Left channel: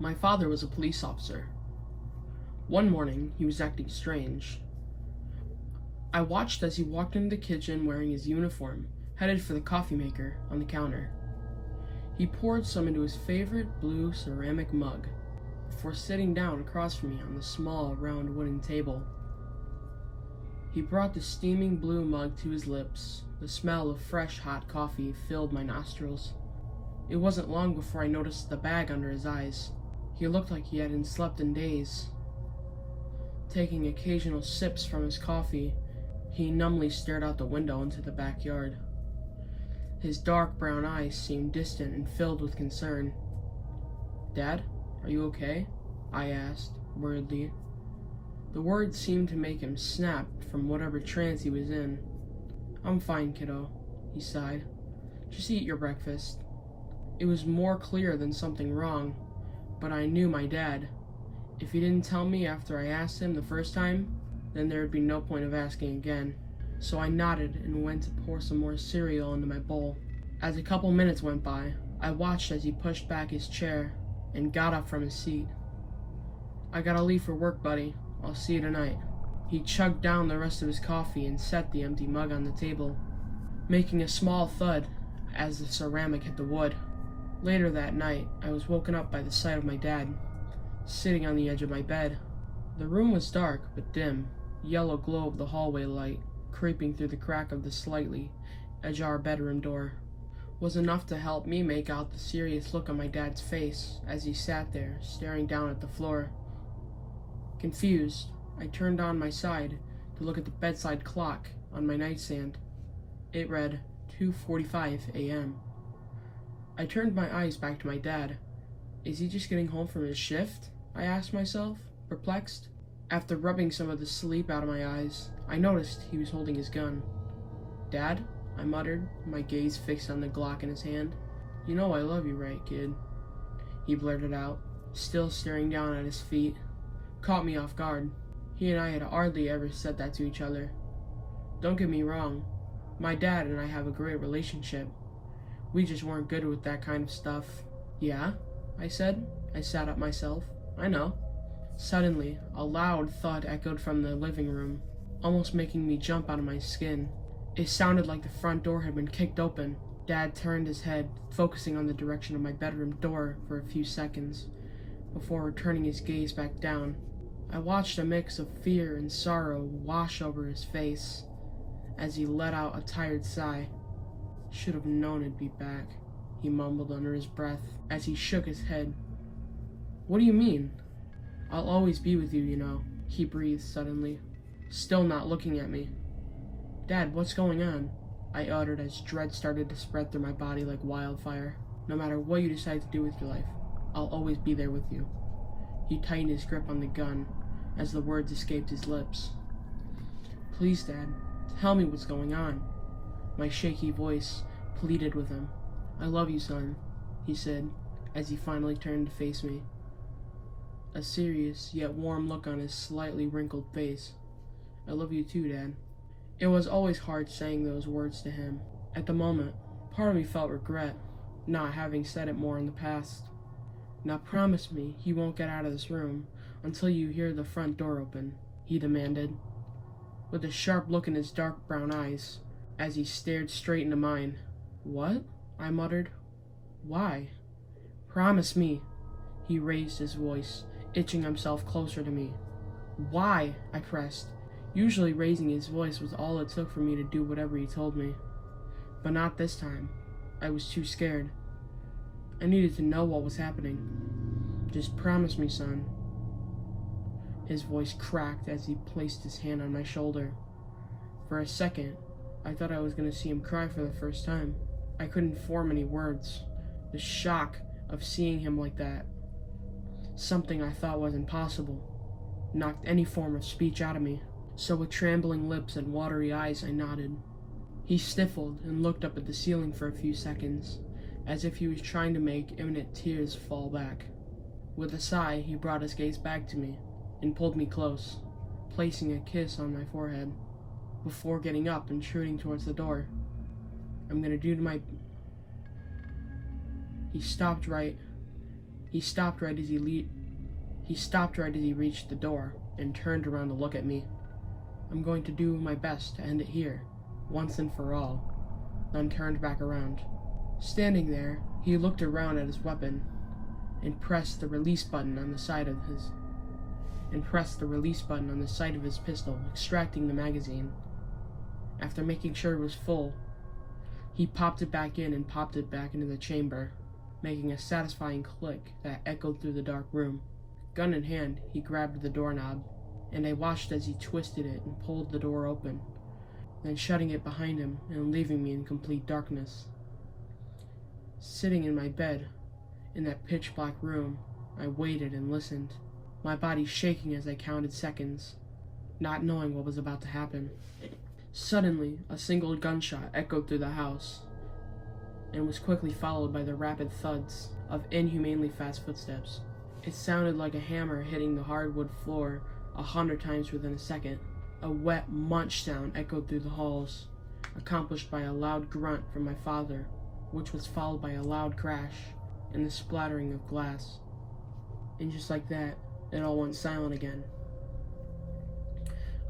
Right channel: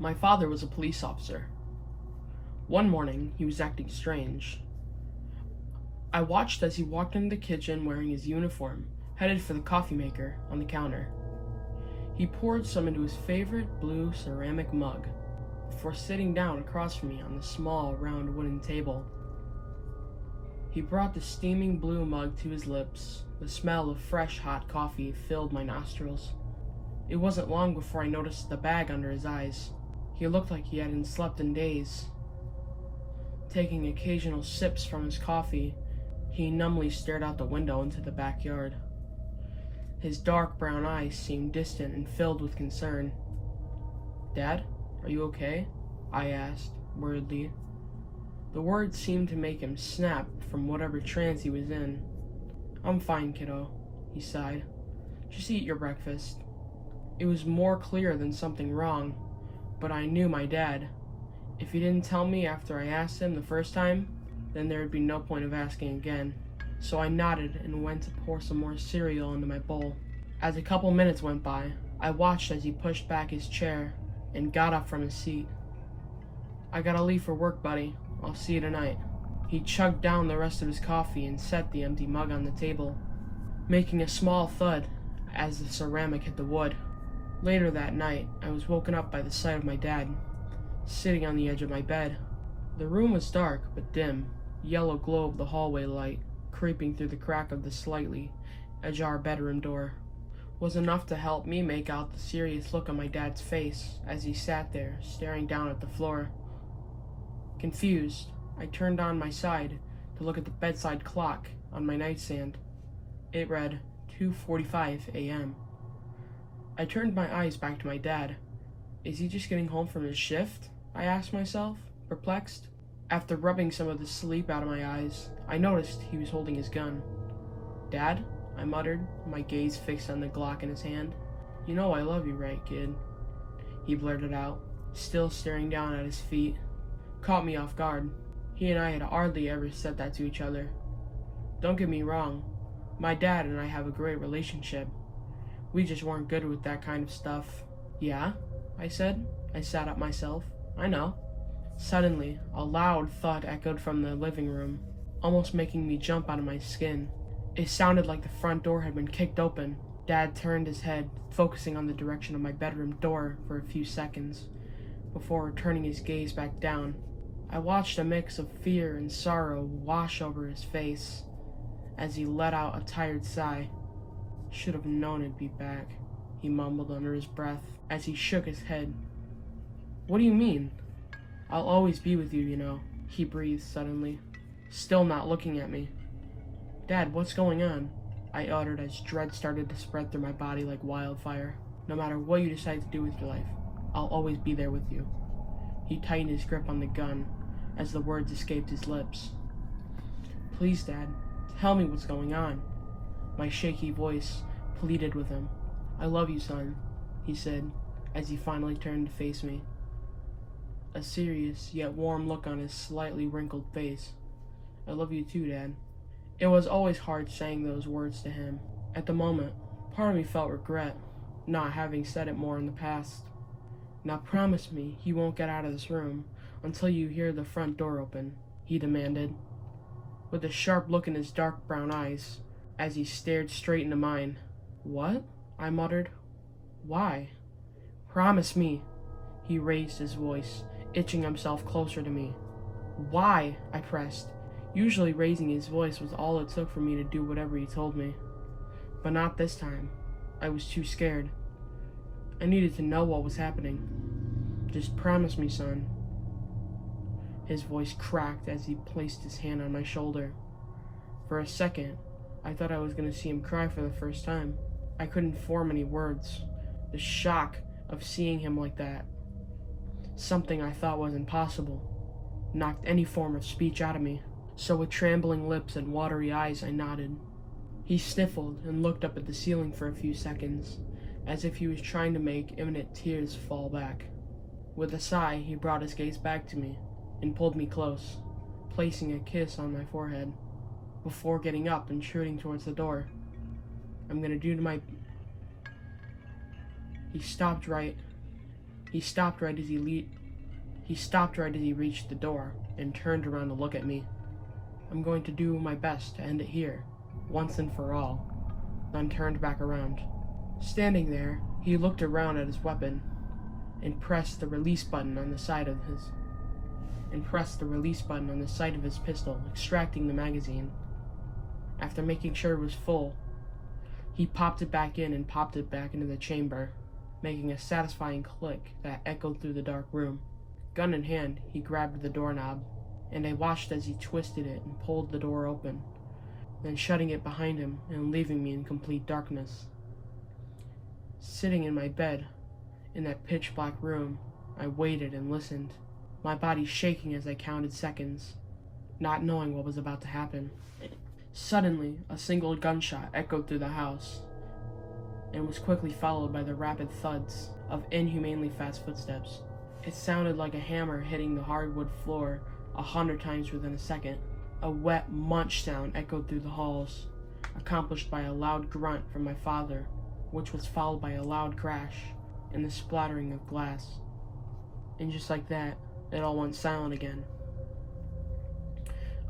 My father was a police officer. One morning, he was acting strange. I watched as he walked into the kitchen wearing his uniform, headed for the coffee maker on the counter. He poured some into his favorite blue ceramic mug before sitting down across from me on the small, round wooden table. He brought the steaming blue mug to his lips. The smell of fresh, hot coffee filled my nostrils. It wasn't long before I noticed the bag under his eyes. He looked like he hadn't slept in days. Taking occasional sips from his coffee, he numbly stared out the window into the backyard. His dark brown eyes seemed distant and filled with concern. "Dad, are you okay?" I asked, worriedly. The words seemed to make him snap from whatever trance he was in. "I'm fine, kiddo," he sighed. "Just eat your breakfast." It was more clear than something wrong, but I knew my dad. If he didn't tell me after I asked him the first time, then there would be no point of asking again. So I nodded and went to pour some more cereal into my bowl. As a couple minutes went by, I watched as he pushed back his chair and got up from his seat. "I gotta leave for work, buddy. I'll see you tonight." He chugged down the rest of his coffee and set the empty mug on the table, making a small thud as the ceramic hit the wood. Later that night, I was woken up by the sight of my dad, sitting on the edge of my bed. The room was dark but dim. Yellow glow of the hallway light, creeping through the crack of the slightly ajar bedroom door, was enough to help me make out the serious look on my dad's face as he sat there, staring down at the floor. Confused, I turned on my side to look at the bedside clock on my nightstand. It read 2:45 a.m. I turned my eyes back to my dad. Is he just getting home from his shift? I asked myself, perplexed. After rubbing some of the sleep out of my eyes, I noticed he was holding his gun. "Dad?" I muttered, my gaze fixed on the Glock in his hand. "You know I love you, right, kid?" He blurted out, still staring down at his feet. Caught me off guard. He and I had hardly ever said that to each other. Don't get me wrong, my dad and I have a great relationship. We just weren't good with that kind of stuff. "Yeah?" I said. I sat up myself. "I know." Suddenly, a loud thud echoed from the living room, almost making me jump out of my skin. It sounded like the front door had been kicked open. Dad turned his head, focusing on the direction of my bedroom door for a few seconds, before returning his gaze back down. I watched a mix of fear and sorrow wash over his face as he let out a tired sigh. "Should have known it'd be back," he mumbled under his breath as he shook his head. "What do you mean?" "I'll always be with you, you know," he breathed suddenly, still not looking at me. "Dad, what's going on?" I uttered as dread started to spread through my body like wildfire. "No matter what you decide to do with your life, I'll always be there with you." He tightened his grip on the gun as the words escaped his lips. "Please, Dad, tell me what's going on." My shaky voice pleaded with him. "I love you, son," he said as he finally turned to face me, a serious yet warm look on his slightly wrinkled face. "I love you too, Dad." It was always hard saying those words to him. At the moment, part of me felt regret, not having said it more in the past. "Now promise me you won't get out of this room until you hear the front door open," he demanded, with a sharp look in his dark brown eyes as he stared straight into mine. "What?" I muttered. "Why?" "Promise me." He raised his voice, itching himself closer to me. "Why?" I pressed. Usually raising his voice was all it took for me to do whatever he told me. But not this time. I was too scared. I needed to know what was happening. "Just promise me, son." His voice cracked as he placed his hand on my shoulder. For a second, I thought I was going to see him cry for the first time. I couldn't form any words. The shock of seeing him like that, something I thought was impossible, knocked any form of speech out of me. So with trembling lips and watery eyes, I nodded. He sniffled and looked up at the ceiling for a few seconds, as if he was trying to make imminent tears fall back. With a sigh, he brought his gaze back to me and pulled me close, placing a kiss on my forehead, before getting up and shooting towards the door. "I'm gonna do to my..." He stopped right He stopped right as he reached the door and turned around to look at me. I'm going to do my best to end it here, once and for all, then turned back around. Standing there, he looked around at his weapon and pressed the release button on the side of his pistol, extracting the magazine. After making sure it was full, he popped it back in and popped it back into the chamber, making a satisfying click that echoed through the dark room. Gun in hand, he grabbed the doorknob, and I watched as he twisted it and pulled the door open, then shutting it behind him and leaving me in complete darkness. Sitting in my bed, in that pitch-black room, I waited and listened, my body shaking as I counted seconds, not knowing what was about to happen. Suddenly, a single gunshot echoed through the house, and was quickly followed by the rapid thuds of inhumanely fast footsteps. It sounded like a hammer hitting the hardwood floor 100 times within a second. A wet munch sound echoed through the halls, accomplished by a loud grunt from my father, which was followed by a loud crash and the splattering of glass. And just like that, it all went silent again.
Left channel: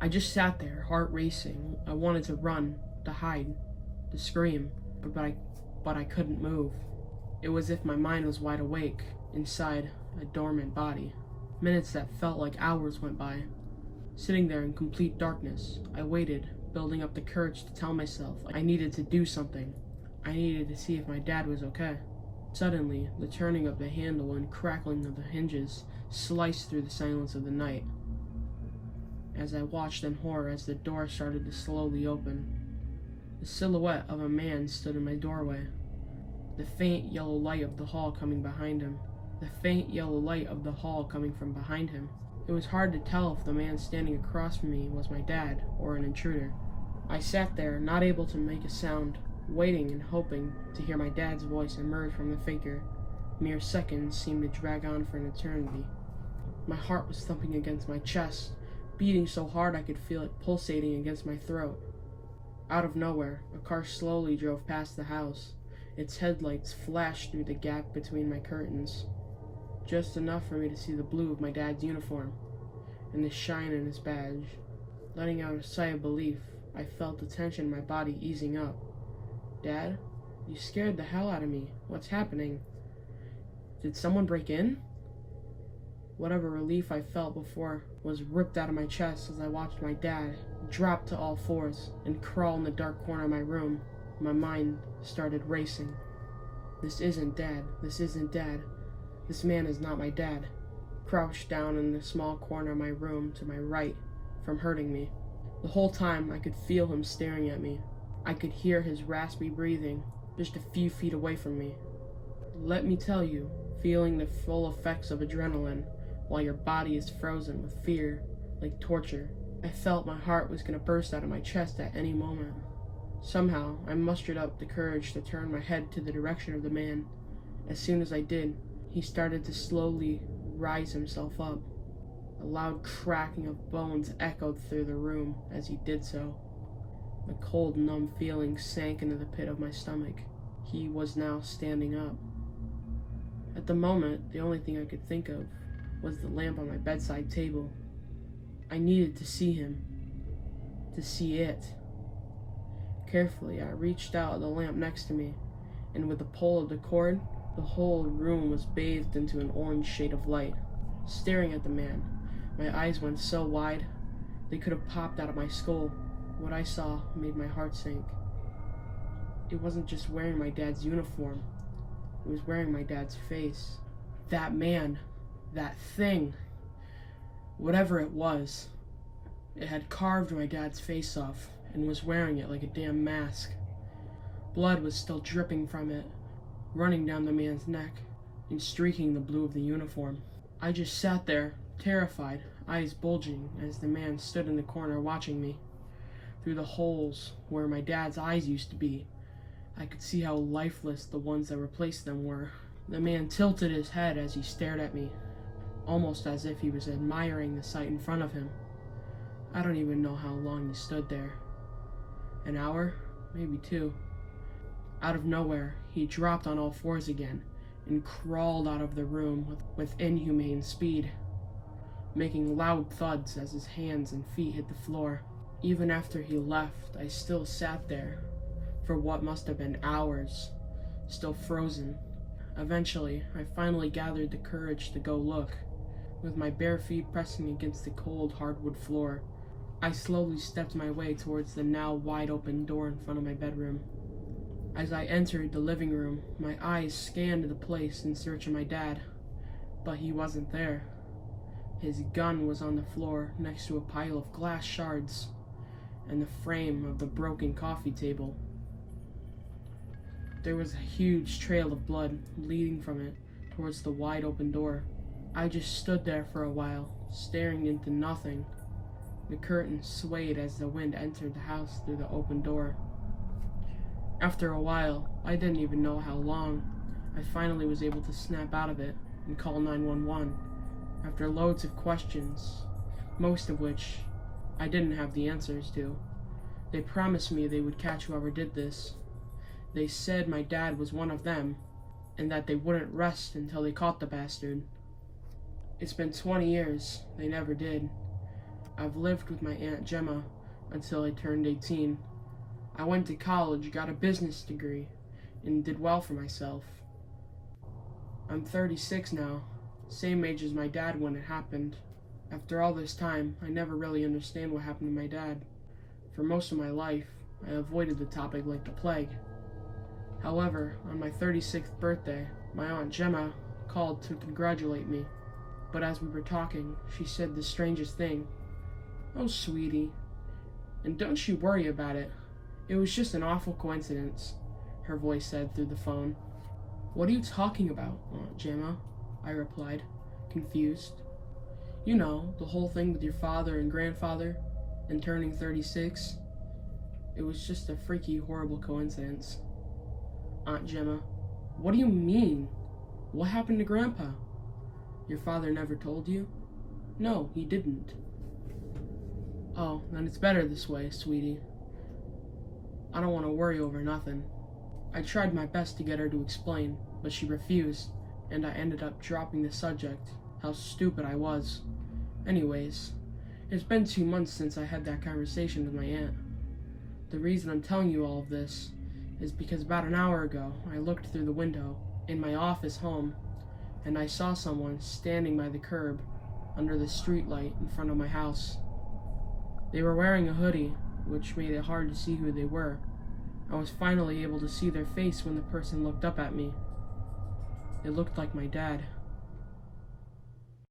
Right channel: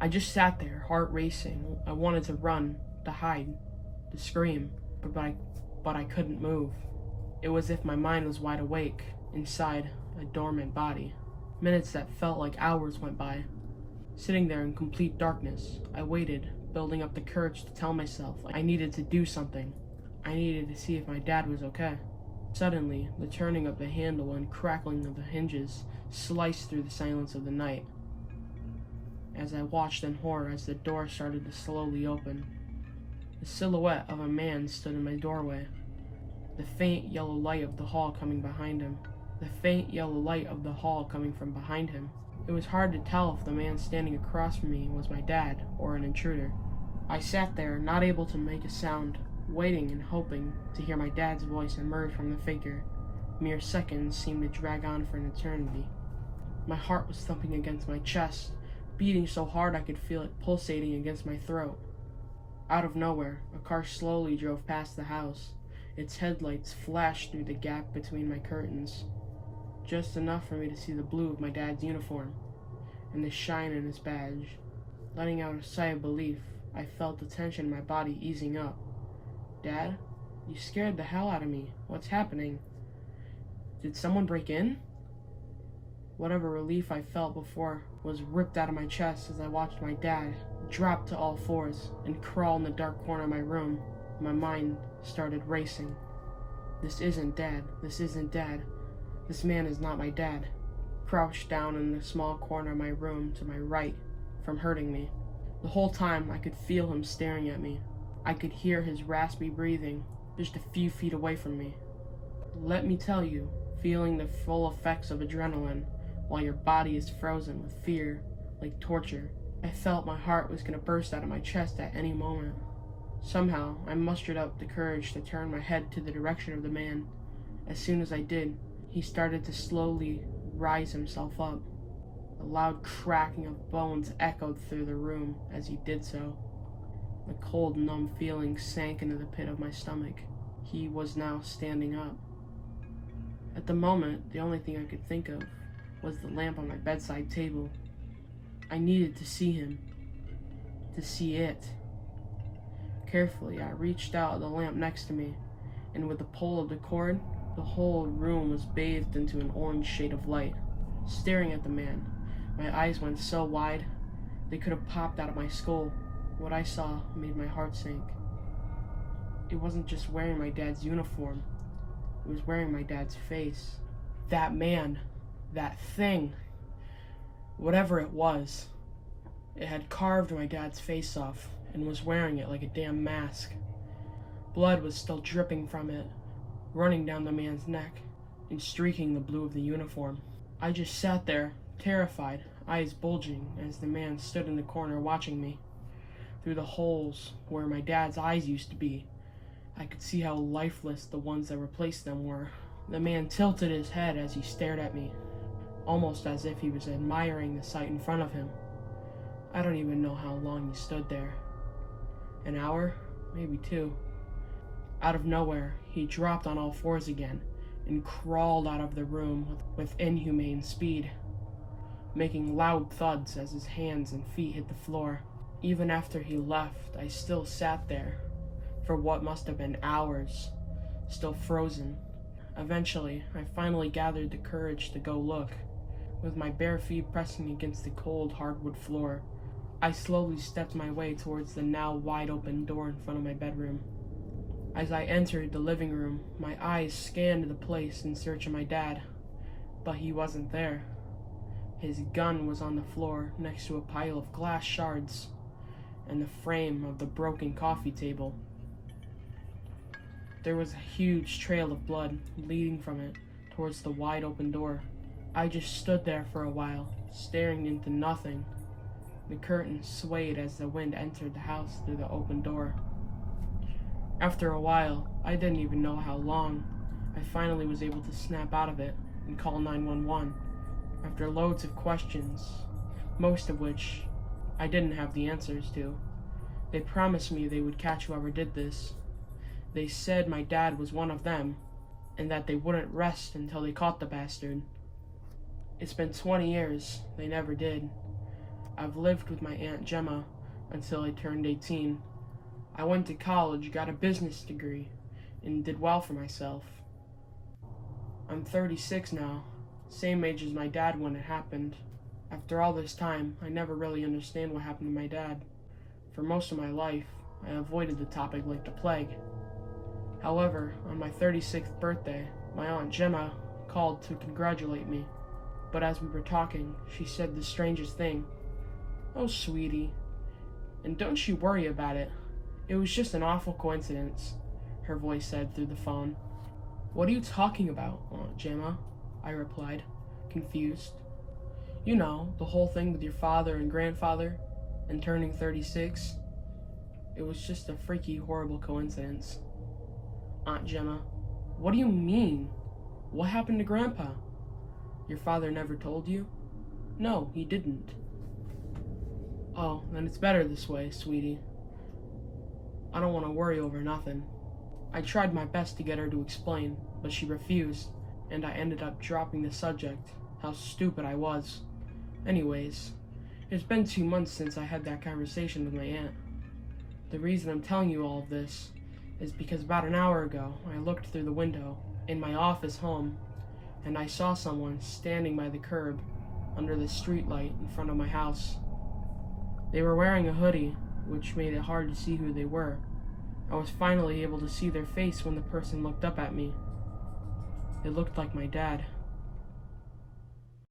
I just sat there, heart racing. I wanted to run, to hide, to scream, but I couldn't move. It was as if my mind was wide awake, inside a dormant body. Minutes that felt like hours went by. Sitting there in complete darkness, I waited, building up the courage to tell myself I needed to do something. I needed to see if my dad was okay. Suddenly, the turning of the handle and crackling of the hinges sliced through the silence of the night. As I watched in horror as the door started to slowly open, the silhouette of a man stood in my doorway, the faint yellow light of the hall coming from behind him. It was hard to tell if the man standing across from me was my dad or an intruder. I sat there, not able to make a sound, waiting and hoping to hear my dad's voice emerge from the figure. Mere seconds seemed to drag on for an eternity. My heart was thumping against my chest, beating so hard I could feel it pulsating against my throat. Out of nowhere, a car slowly drove past the house. Its headlights flashed through the gap between my curtains, just enough for me to see the blue of my dad's uniform and the shine in his badge. Letting out a sigh of relief, I felt the tension in my body easing up. Dad, you scared the hell out of me. What's happening? Did someone break in? Whatever relief I felt before was ripped out of my chest as I watched my dad drop to all fours and crawl in the dark corner of my room. My mind started racing. This isn't Dad. This isn't Dad. This man is not my dad. Crouched down in the small corner of my room to my right from hurting me. The whole time I could feel him staring at me. I could hear his raspy breathing just a few feet away from me. Let me tell you, feeling the full effects of adrenaline while your body is frozen with fear, like torture. I felt my heart was going to burst out of my chest at any moment. Somehow, I mustered up the courage to turn my head to the direction of the man. As soon as I did, he started to slowly rise himself up. A loud cracking of bones echoed through the room as he did so. The cold, numb feeling sank into the pit of my stomach. He was now standing up. At the moment, the only thing I could think of was the lamp on my bedside table. I needed to see him. To see it. Carefully, I reached out at the lamp next to me, and with the pull of the cord, the whole room was bathed into an orange shade of light. Staring at the man, my eyes went so wide, they could have popped out of my skull. What I saw made my heart sink. It wasn't just wearing my dad's uniform, it was wearing my dad's face. That man, that thing, whatever it was, it had carved my dad's face off and was wearing it like a damn mask. Blood was still dripping from it, running down the man's neck and streaking the blue of the uniform. I just sat there, terrified, eyes bulging, as the man stood in the corner watching me. Through the holes where my dad's eyes used to be, I could see how lifeless the ones that replaced them were. The man tilted his head as he stared at me, almost as if he was admiring the sight in front of him. I don't even know how long he stood there. An hour? Maybe 2. Out of nowhere, he dropped on all fours again and crawled out of the room with inhumane speed, making loud thuds as his hands and feet hit the floor. Even after he left, I still sat there for what must have been hours, still frozen. Eventually, I finally gathered the courage to go look. With my bare feet pressing against the cold hardwood floor, I slowly stepped my way towards the now wide open door in front of my bedroom. As I entered the living room, my eyes scanned the place in search of my dad, but he wasn't there. His gun was on the floor next to a pile of glass shards and the frame of the broken coffee table. There was a huge trail of blood leading from it towards the wide open door. I just stood there for a while, staring into nothing. The curtain swayed as the wind entered the house through the open door. After a while, I didn't even know how long, I finally was able to snap out of it and call 911 after loads of questions, most of which I didn't have the answers to. They promised me they would catch whoever did this. They said my dad was one of them, and that they wouldn't rest until they caught the bastard. It's been 20 years, they never did. I've lived with my Aunt Gemma until I turned 18. I went to college, got a business degree, and did well for myself. I'm 36 now, same age as my dad when it happened. After all this time, I never really understand what happened to my dad. For most of my life, I avoided the topic like the plague. However, on my 36th birthday, my Aunt Gemma called to congratulate me. But as we were talking, she said the strangest thing. "Oh, sweetie, and don't you worry about it. It was just an awful coincidence," her voice said through the phone. "What are you talking about, Aunt Gemma?" I replied, confused. "You know, the whole thing with your father and grandfather, and turning 36. It was just a freaky, horrible coincidence." "Aunt Gemma, what do you mean? What happened to Grandpa? Your father never told you?" "No, he didn't." "Oh, then it's better this way, sweetie. I don't want to worry over nothing." I tried my best to get her to explain, but she refused, and I ended up dropping the subject. How stupid I was. Anyways, it's been 2 months since I had that conversation with my aunt. The reason I'm telling you all of this is because about an hour ago, I looked through the window in my office home, and I saw someone standing by the curb under the streetlight in front of my house. They were wearing a hoodie, which made it hard to see who they were. I was finally able to see their face when the person looked up at me. It looked like my dad.